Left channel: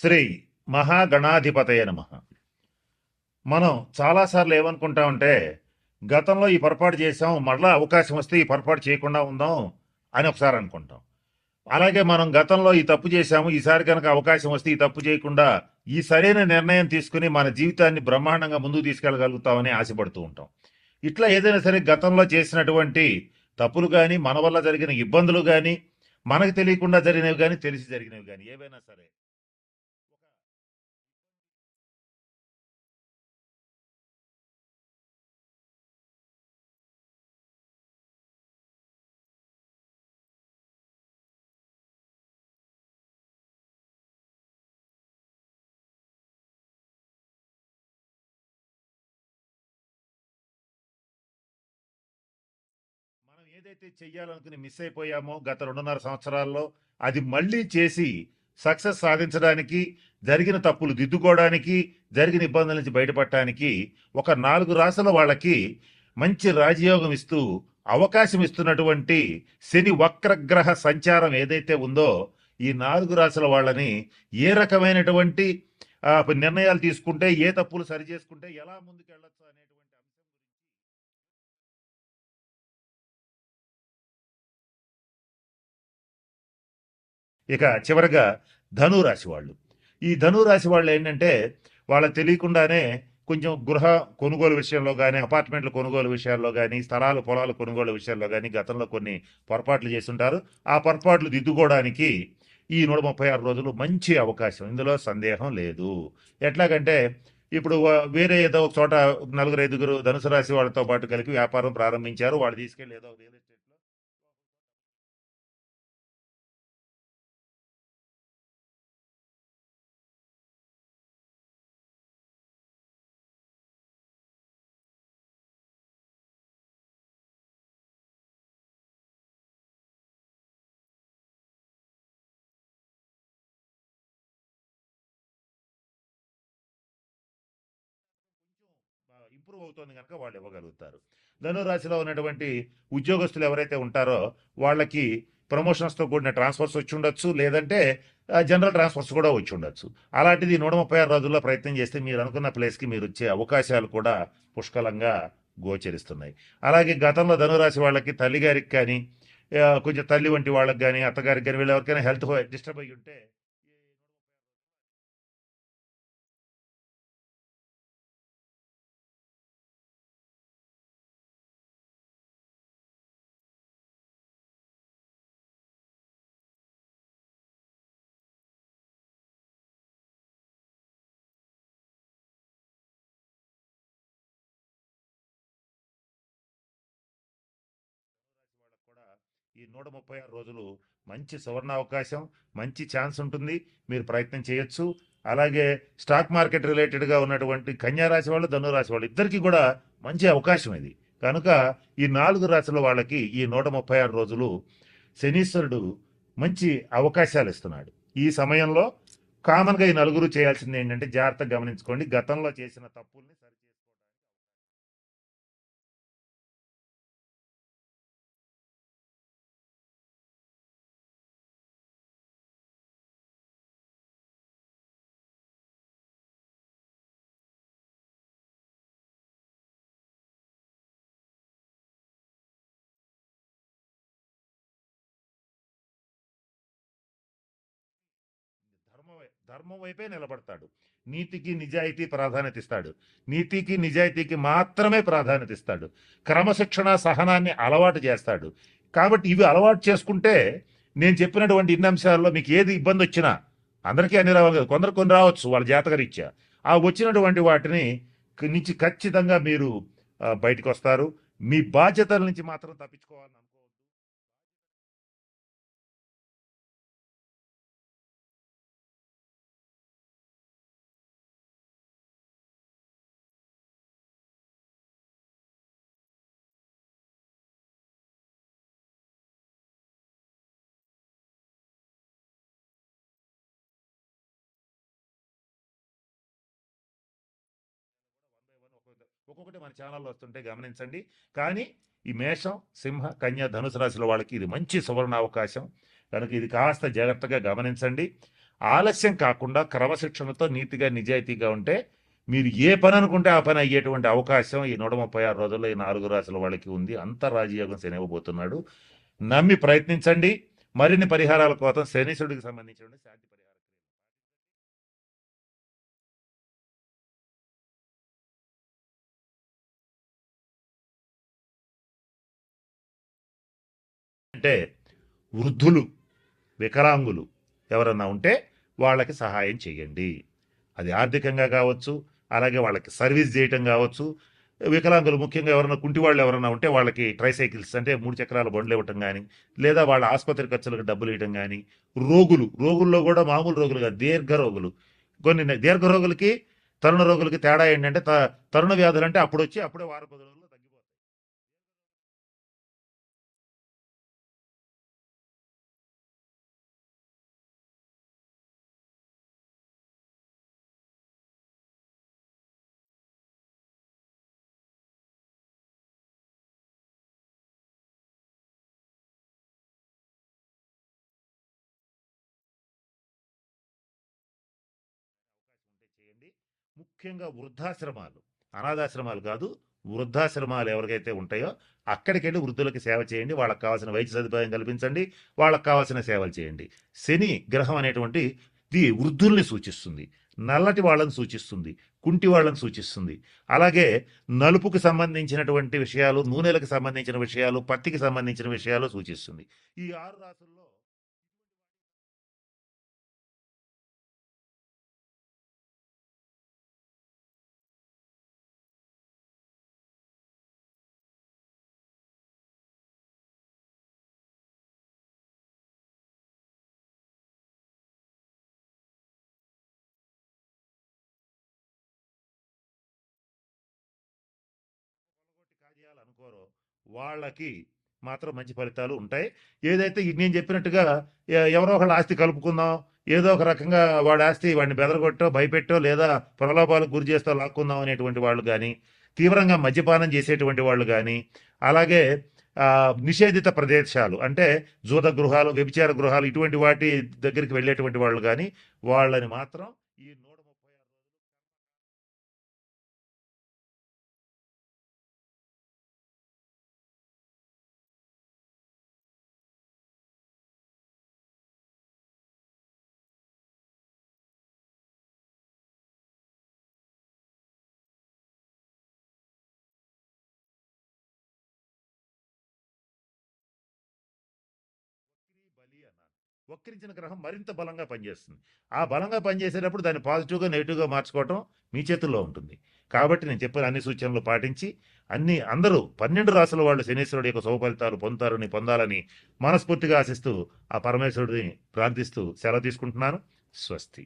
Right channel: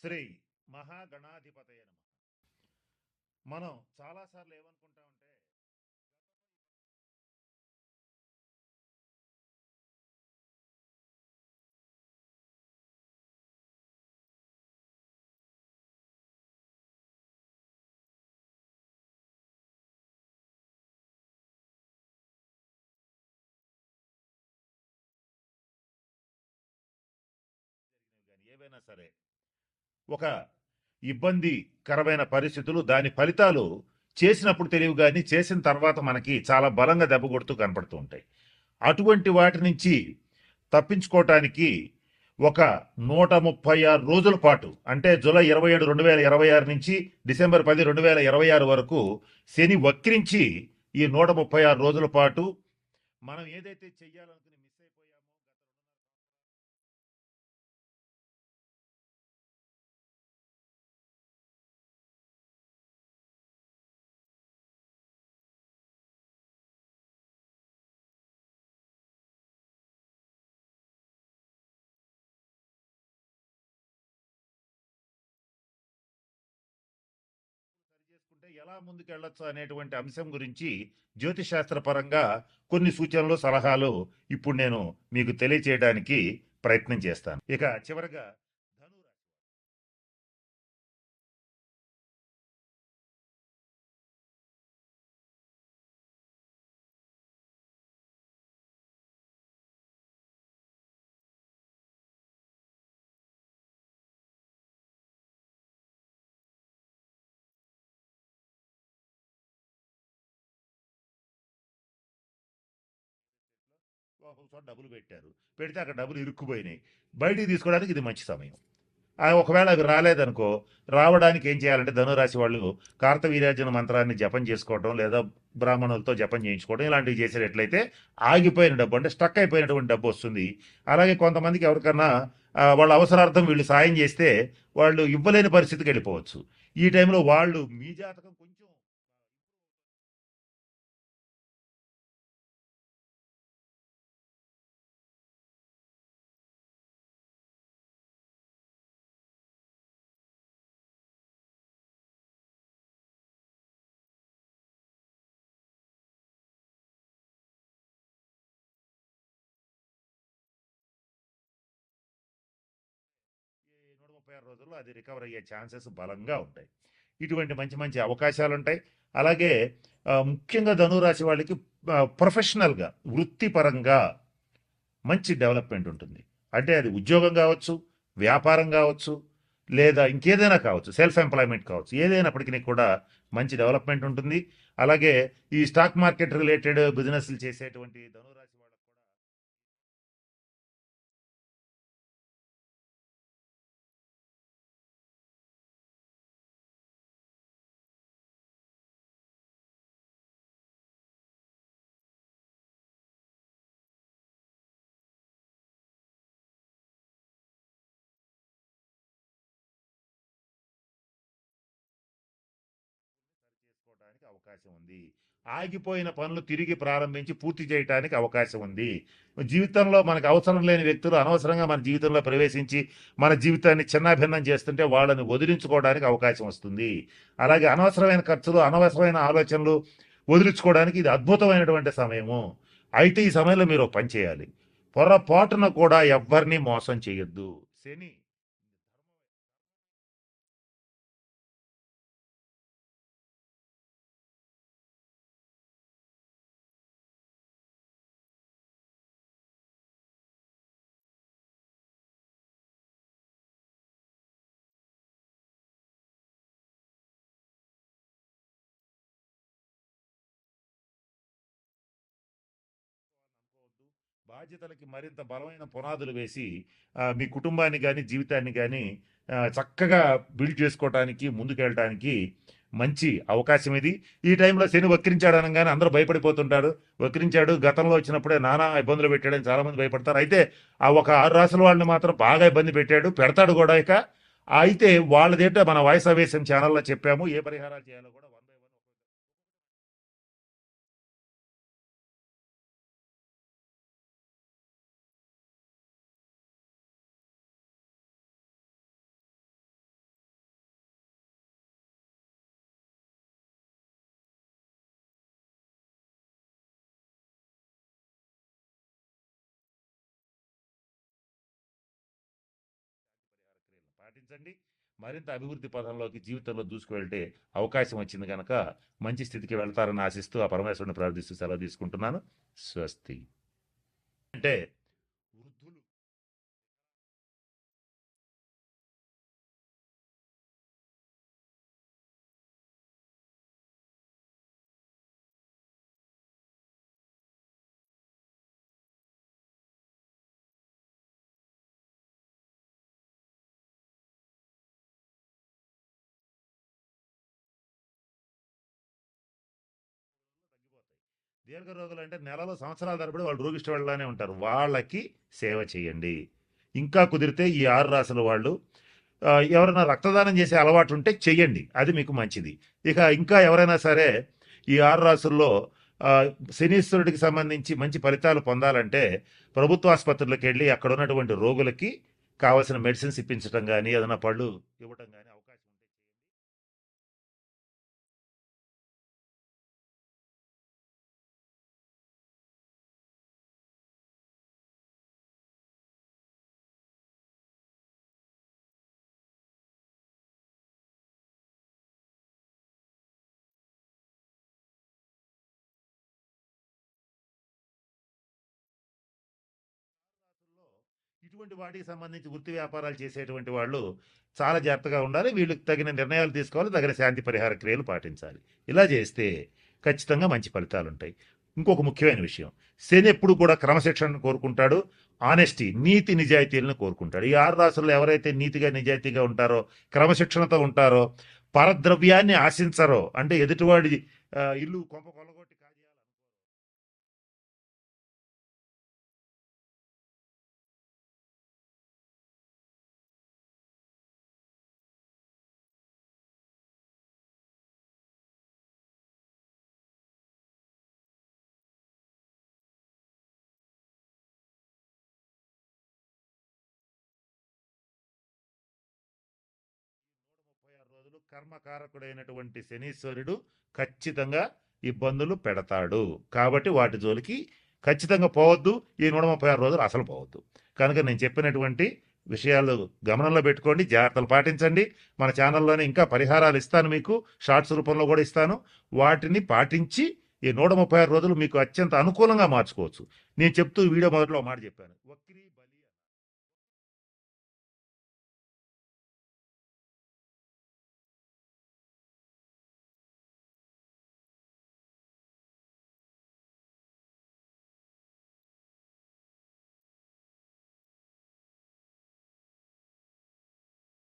శ్రీ మహాగణాధిపతయ నమః. మనం చాలాసార్లు ఏమనుకుంటామంటే, గతంలో ఈ పొరపాటు చేసాం, మళ్ళా అవకాశం వస్తే ఈ పొరపాటు చేయకుండా ఉందాం అని ఒకసారి అనుకుంటాం. అలాగే మనం గతంలో ఈ తప్పు చేశాము, ఈసారి కనుక అవకాశం వస్తే ఈ తప్పు చేయకుండా ఈ సరైన నిర్ణయం తీసుకుని మన జీవితాన్ని బ్రహ్మాండంగా ముందుకు తీసుకెళ్ళగలుగుతామని ఆశపడుతూ ఉంటాం. ఇట్లా ఏదైనా సరే గతంలో చేసినటువంటి తప్పులు కానీ, మన వల్ల జరిగిన ఇబ్బందులు కానీ, మనకు తెలియకుండా జరిగినవి కానీ, తెలిసి జరిగినవి కానీ ఏవైనా సరే ఒక ఇబ్బందికరమైన పరిస్థితులు, దాని ఫలితాలు చేసినప్పుడు తెలియవు గాని, చేసిన తర్వాత మనకి చాలా బలంగా దెబ్బ కొడుతూ కనపడుతూ ఉంటాయి. అటువంటి వాటి నుంచి తప్పించుకోవటానికి ఒక 136 రోజుల పాటు, అంటే జూలై 27, 2026 నుంచి డిసెంబర్ 10, 2026 వరకు శని వక్రించి ఈ 136 రోజుల పాటు మనం ఏదైతే చెయ్యాలనుకుని మిస్ అయిపోయామో గత 2.5 సంవత్సరాల్లో, అది మళ్ళీ చేసి సక్సెస్ సాధించడానికి, జరిగిన తప్పులు దిద్దుకోవడానికి, జరిగిన ఇబ్బందుల నుంచి బయటపడటానికి ఒక 4 రాసుల వాళ్ళకి మంచి రాజయోగం ఇస్తూ అవకాశం ఇస్తున్నటువంటి శని వక్రగ్రహ సంచారం ఏదైతే ఉందో, ఈ 4 రాసుల వాళ్ళని ఏ రకమైనటువంటి నిర్ణయాలు తీసుకుంటే, ఏ తప్పులు సరిచేసుకుంటే ఎలా ముందుకెళ్ళొచ్చు అనేటువంటి అంశం గురించి జ్యోతిశాస్త్ర పరంగా కొన్ని సూచనలు, సలహాలు ఇప్పుడు నేను మీకు తెలియచేయడానికి ప్రయత్నం చేస్తాను. ఇక చివరగా ధనురాశి వాళ్ళు. ఈ ధనురాశి వాళ్ళు ఏంటంటే, వాళ్ళకి తెలియకుండానే కొంచెం గృహ కొనుగోలు విషయంలో కానీ, అపార్ట్మెంట్ల కొనుగోలు విషయాల్లో కానీ, స్థలాలు పొలాలు కొనుగోలు విషయాల్లో కానీ గతంలో కొన్ని పొరపాట్లు చేస్తుంటారు. ఆ పొరపాట్లు దిద్దుకోవడానికి ఈ 136 రోజులు మంచి అవకాశం, ఇందులో సందేహం లేదు. ఎట్లాగంటే ఇప్పుడు వేరే ఏదో ఒక చోట నలుగురు ఐదుగురు ధనుసు రాశి వాళ్ళతో పాటు కలిపి వ్యాపారం ప్రారంభించారు. వాళ్ళు తీసుకెళ్ళి ఏదో రియల్ ఎస్టేట్లో ఒక చోట డబ్బులు పెట్టారు. పెడితే అక్కడ డబ్బులు ఇరుక్కుపోయినాయి. బయటికి తీసుకోవడానికి ఇది మంచి సమయం. ఒకవేళ అవి రాలేదనుకో, రావడానికి ఏం చేయాలంటే ధనురాశి వాళ్ళు కార్తవీర్యార్జున మంత్రాన్ని జపం చేసుకోవడం, లేదా బ్రాహ్మణులతో జపం చేయించుకోవడం, ఇలాంటివి చేసేటట్లయితే ఆగిపోయిన డబ్బు, అంటే స్టక్ అయిపోయినటువంటి డబ్బు వస్తుంది. అలాగే కొంతమందికి ఎవరికన్నా వాళ్ళ అవసరార్థం వీళ్ళు సాయం చేస్తే వాళ్ళు ఇవ్వలేని పరిస్థితికి వెళ్ళిపోవచ్చు. ఈ టైంలో వాళ్ళు మీ జాతకం కొంచెం ఇంప్రూవ్ అవుతుంది కనుక వాళ్ళు ఇవ్వగలుగుతారు. ధనురాశిలో ఉన్నటువంటి ఉద్యోగస్తులు ఎవరైతే ఉంటారో వాళ్ళకి ప్రమోషన్స్తో కూడిన ట్రాన్స్ఫర్స్ వచ్చి ఉండొచ్చు, లేదంటే జనరల్ ట్రాన్స్ఫర్స్ కూడా వచ్చి ఉండొచ్చు. అలాంటిది 136 రోజుల్లో ప్రయత్నం చేస్తే మీరు అనుకున్న ప్లేస్కి మీరు వచ్చే అవకాశాలు కూడా పుష్కలంగా గోచరిస్తున్నాయి. అలాగే గతంలో ధనురాశి వాళ్ళకి తల్లిగారికి కానీ, కొంచెం తల్లి వంటి వాళ్ళకి కానీ, అత్తగారికి కానీ, వీళ్ళు ఎవరికైనా హెల్త్ డిస్టర్బ్ అయ్యి ఉంటే ఈ 136 రోజుల్లో అది రికవర్ అయ్యే ఛాన్సెస్ బలంగా ఉంటాయి. ఇటువంటి మంచి మంచి అవకాశాలు ఉంటాయి. అలాగే ముఖ్యంగా ధనురాశి వాళ్ళకి ప్రొఫెషనల్గా, వృత్తిపరంగా మంచి డెవలప్మెంట్ ఉంటుంది. అంటే అది ఉద్యోగం కావచ్చు, వ్యాపారం కావచ్చు, లేదా ఇంకేదైనా కావచ్చు, సెల్ఫ్ ఎంప్లాయ్మెంట్ కావచ్చు, ఏదైనప్పటికీ కూడా మంచి డెవలప్మెంట్ ఉంటుంది. అలాగే ఈ స్టాక్ మార్కెట్ రిలేటెడ్ బిజినెస్లు చేసేటువంటి ధనురాశి వాళ్ళకు కూడా ఈ 136 రోజులు మంచి సువర్ణ అవకాశం, మంచి ఛాన్స్ ఉంటుంది. మీరు ప్రయత్నం చేయొచ్చు. అలాగే స్టాక్ మార్కెట్ రిలేటెడ్గా ఉన్నటువంటి కన్యారాశి వాళ్ళు, ధనురాశి వాళ్ళు ఇద్దరికీ కూడా మంచి అవకాశం ఇది. కనుక ఈ 4 రాశుల వాళ్ళకి ఈ 136 రోజులు శనీశ్వరుడు మంచి అవకాశాలు ఇస్తున్నాడు. ఈ సమయంలో కామన్గా ఈ నలుగురు చేయాల్సింది ఏంటంటే, జాగ్రత్తగా గమనించుకోండి, గతంలో చేసిన తప్పుల్ని సరిచేసుకోవడానికి అవకాశం ఉంది. ఆగిపోయిన పనులు తిరిగి ప్రారంభించి పూర్తి చేయడానికి అవకాశం ఉంది. జీవితంలో మనకు అవసరం లేని వ్యక్తులు అనవసరంగా మన జీవితంలో ప్రవేశించి మన జీవితాన్ని చిన్నాభిన్నం చేస్తుంటే వాళ్ళని వదిలించుకోవడానికి అవకాశం వస్తుంది. అలాగే అనవసరమైన ఖర్చులు, అనవసరమైన ఆలోచనలు వదిలించుకోవడానికి ఇది అద్భుతమైనటువంటి సమయము. అయితే ఈ సమయంలో మీరు ఒక పని చేయాలి. పొరపాటున కూడా ఎవ్వరిని మోసం చేయొద్దు. శని ధర్మం వైపే నిలబడతాడు. నీతికి నిజాయితీ ప్రాధాన్యత ఇస్తాడు. నీతికి నిజాయితీకి మాత్రమే ప్రాధాన్యత ఇస్తాడు. క్రమశిక్షణ, సహనాన్ని అలవాటు చేస్తాడు. కాబట్టి ఇవి అలవాటు చేసుకుంటే నేను చెప్పినటువంటి ఇన్ని అంశాల్లో మీకు ఏది ఇబ్బంది వచ్చినా, అందరికీ అన్ని రావాలి కదా, కొందరు కొన్ని రావచ్చు వాళ్ళ జాతకరీత్యా, ఆ వచ్చినటువంటి వాటిని నుంచి ఖచ్చితంగా మీరు బయటకు వస్తారు. మీ బాధ్యతల నుంచి మాత్రం తప్పించుకోవాలని అనుకోవద్దు. బాధ్యతలకి మరింత బలమైన పునాదులు వేసి మీ కుటుంబాన్ని కానీ, జీవితాన్ని కానీ చక్కగా బిల్డ్ చేసుకోవడానికి, ముందుకెళ్ళటానికి మంచి అవకాశం ఇది. ఈ టైంలో శని వక్రించాడు అనగానే అందరూ భయపడిపోతుంటారు. వక్రించాడు, గతంలో వచ్చినప్పుడే నానా ఇబ్బందులు పెట్టాడని చాలామంది భయపడతారు. అయితే ఆ ఒక 6 రాసుల వాళ్ళని మాత్రం బాగా ఇబ్బంది పెట్టాడు, పెడతాడు కూడా. ఇక అయితే వాళ్ళదేంటో మన వాయిస్ ఆవేశం ఛానల్లో చెప్పాము. ఏ పరిహారాలు చేయాలో కూడా 1 by 1 ఒక్కొక్కటి మన ఛానల్లో వస్తుంటే గమనించండి. కానీ ఈ మేషం, సింహ, కన్య, ధనుసు రాశుల వాళ్ళకి ఇది మంచి సువర్ణ అవకాశం కనుక ఇది కాస్త జాగ్రత్తగా గమనించండి. ఆలస్యం కాకుండా క్రమశిక్షణతో నీతిగా నిజాయితీగా ఉంటే మీరు ఏ పని అనుకుంటే ఆ పని అయ్యేటువంటి అవకాశం ఈ 136 రోజుల్లో ఈ 4 రాసుల వాళ్ళకి ఉంది. అంత రాజయోగం శని ఇవ్వబోతున్నాడు. నమ్మి ప్రయత్నించండి. మరిన్ని పరిహారాల కోసం శనీశ్వరుడికి సంబంధించిన శాంతి పరిహార క్రియలను పాటించండి. మరింత అభివృద్ధి పథంలోకి జీవితంలో దూసుకువెళ్తే అవకాశం వచ్చింది కనుక మంచి స్థితికి వెళ్తారని ఆశిస్తూ ఆ పరమేశ్వరుని ప్రార్థిస్తూ సెలవు తీసుకుంటున్నాను. స్వస్తి. అంటే వృద్ధులు, వికలాంగులు ఎవరన్నా ఉంటే వాళ్ళకి సహాయం చేయండి. అది ఆర్థికంగా కావచ్చు, అలాగే వాళ్ళకి సర్వీస్ చేయటం కావచ్చు. వికలాంగులు ముఖ్యంగా ఎవరైనా కుంటి వాళ్ళు ఎవరైనా ఉంటే వాళ్ళకి ట్రైసైకిల్స్ అంటే 3 చక్రాల బండ్లు ఇవ్వటం కానీ, లేదా వాళ్ళ ఆసుపత్రి ఖర్చులకు డబ్బులు ఇవ్వటం కానీ, రోగుల్లో కూడా మామూలు రోగులు కాదు, దీర్ఘ రోగులు. కొన్ని దీర్ఘ రోగులకి, తరుణ రోగులకి తేడా ఏంటంటే తరుణ వ్యాధులు అంటే అప్పుడు వచ్చి అప్పుడే వారం 10 రోజుల్లో తగ్గిపోతాయి. దీర్ఘ రోగులు అంటే నెలలో సంవత్సరాల తరబడి వాళ్ళు రోగిష్ట వాళ్ళనే ఉంటారు. వాళ్ళకి సేవ చేయండి. ఇంకా కుదిరితే ఈ 6 రాసుల వాళ్ళు ఎవరైనా రక్తదానం చేసే అలవాటు ఉంటే చెయ్యండి. అది మీకు మంచిది. ఇక ఇంకా ఎవరైనా సరే ఈ 6 రాసుల్లో శనీశ్వరుడికి సంబంధించి మంచి ఫలితాలు పొందాలంటే ప్రభుత్వ ఆసుపత్రులకు వెళ్ళి అక్కడ ఉన్నటువంటి రోగులకి కావాల్సిన మెడిసిన్స్ ఇప్పించడం కానీ, ఏదైనా పళ్ళు ఇవ్వటం కానీ అవకాశం ఉంటే చేయండి. ముఖ్యంగా వృద్ధాశ్రమాలు, అనాథాశ్రమాలు కాదు, వృద్ధాశ్రమాలు ఎవరికైతే ఉంటాయో అక్కడికి వెళ్ళి వృద్ధులకి సేవ చేయండి. వాళ్ళకి కావాల్సిన వైద్య సదుపాయం కల్పించండి. వాళ్ళకి కావాల్సిన సేవలు చేయండి. శని గ్రహం అనేటువంటి ఇది వృద్ధుల్ని సూచిస్తుంది, నల్లటి వాళ్ళని సూచిస్తుంది, కుంటి వాళ్ళని సూచిస్తుంది. అలాగే నలుపుకు సంబంధించినటువంటి విషయాలు, నూనెలకు సంబంధించిన విషయాలు, పత్తికి సంబంధించిన విషయాలు సూచిస్తుంది. ఈ 6 రాసుల్లో ఇటువంటి వాటికి సంబంధించి వృత్తి వ్యాపారాలు చేసేటువంటి వాళ్ళు చాలా జాగ్రత్తగా ఉండాలి. వీళ్ళకి తగిన నిర్ణయాలు తీసుకోవాలి, తగిన శాంతి పరిహార క్రియలు పాటించాలి. ఇలా చేస్తే ఖచ్చితంగా మంచి ఫలితాలు ఉంటాయి. ఇంకొక ముఖ్యమైన విషయం, శని ఎప్పుడు కూడా క్రమశిక్షణను కోరుకుంటాడు, ఆనెస్టీ, నీతి నిజాయితీలను కోరుకుంటాడు. ఈ 6 రాసుల్లో ఎవరైతే నీతిగా నిజాయితీగా ఉంటారో, క్రమశిక్షణతో ఉంటారో, పరద్రవ్యాన్ని ఆశించరో, అంటే ఎదుటివాడి ఇల్లు కొంప కొల్లగొట్టి కాజేయాలనుకోరో, వాళ్ళకి మాత్రం మంచి ఫలితాలు ఉంటాయి. ఏదైతే నేను చెప్పినట్టుగా ఎవరో ఒకళ్ళ ఆస్తి కలుపుకుందాం, ఏదో ఒక రకంగా వాడి ఆస్తి వాడిని బెదరగొట్టో, భయపెట్టో, లేదా ప్రలోభాలకు గురి చేస్తో లాక్కుందాం అనేటువంటి వాళ్ళు కానీ, తీవ్రంగా మద్యపానం చేసేటువంటి వాళ్ళు కానీ, అలాగే నిషేధిత ప్రదేశాలు అంటే జూద గృహాలు, వ్యభిచార గృహాలు ఇటువంటి వాటి దగ్గరికి వెళ్ళేటువంటి వాళ్ళు కానీ, వాళ్ళని మాత్రం ఈ 136 రోజులు కర్మకారకుడైనటువంటి శనీశ్వరుడు ఖచ్చితంగా ఇబ్బందులు పెడతాడు. కాబట్టి వాటి జోలికి ఖచ్చితంగా పోవద్దు. ఈ 136 రోజులు అసలు పోవద్దు. కనుక నేను చెప్పినటువంటి విషయాలు గమనంలో పెట్టుకోండి, జాగ్రత్తలు పాటించండి. మన ఛానల్లోనే ఇంకా పరిహారాలు ఇస్తాను, మీకు షార్ట్స్ రూపంలో కూడా ఇస్తాను. వాటిని పాటించి ఈ 136 రోజులు మీకు అత్యంత అనుకూలంగా మార్చుకోవచ్చు. నేను చెప్తూ వీడియో మొదట్లో మాట చెప్పాను, వక్రీ బలి అన్నాను. వక్రించిన గ్రహం మరింత బలంగా పనిచేస్తుంది. ఆ బలంగా పనిచేసేటప్పుడు దాన్ని పాజిటివ్గా నెగిటివ్గా మార్చుకోవటం మీ చేతుల్లో ఉంటుంది. కాబట్టి నేను చెప్పిన అన్ని సూచనలు పాటించి అందరూ 12 రాసుల వాళ్ళు శనీశ్వరుడు యొక్క శుభ ఫలితాలు పొందాలని మనస్ఫూర్తిగా ఆశిస్తూ ఆ పరమేశ్వరుడిని ప్రార్థిస్తూ సెలవు తీసుకుంటున్నాను. స్వస్తి.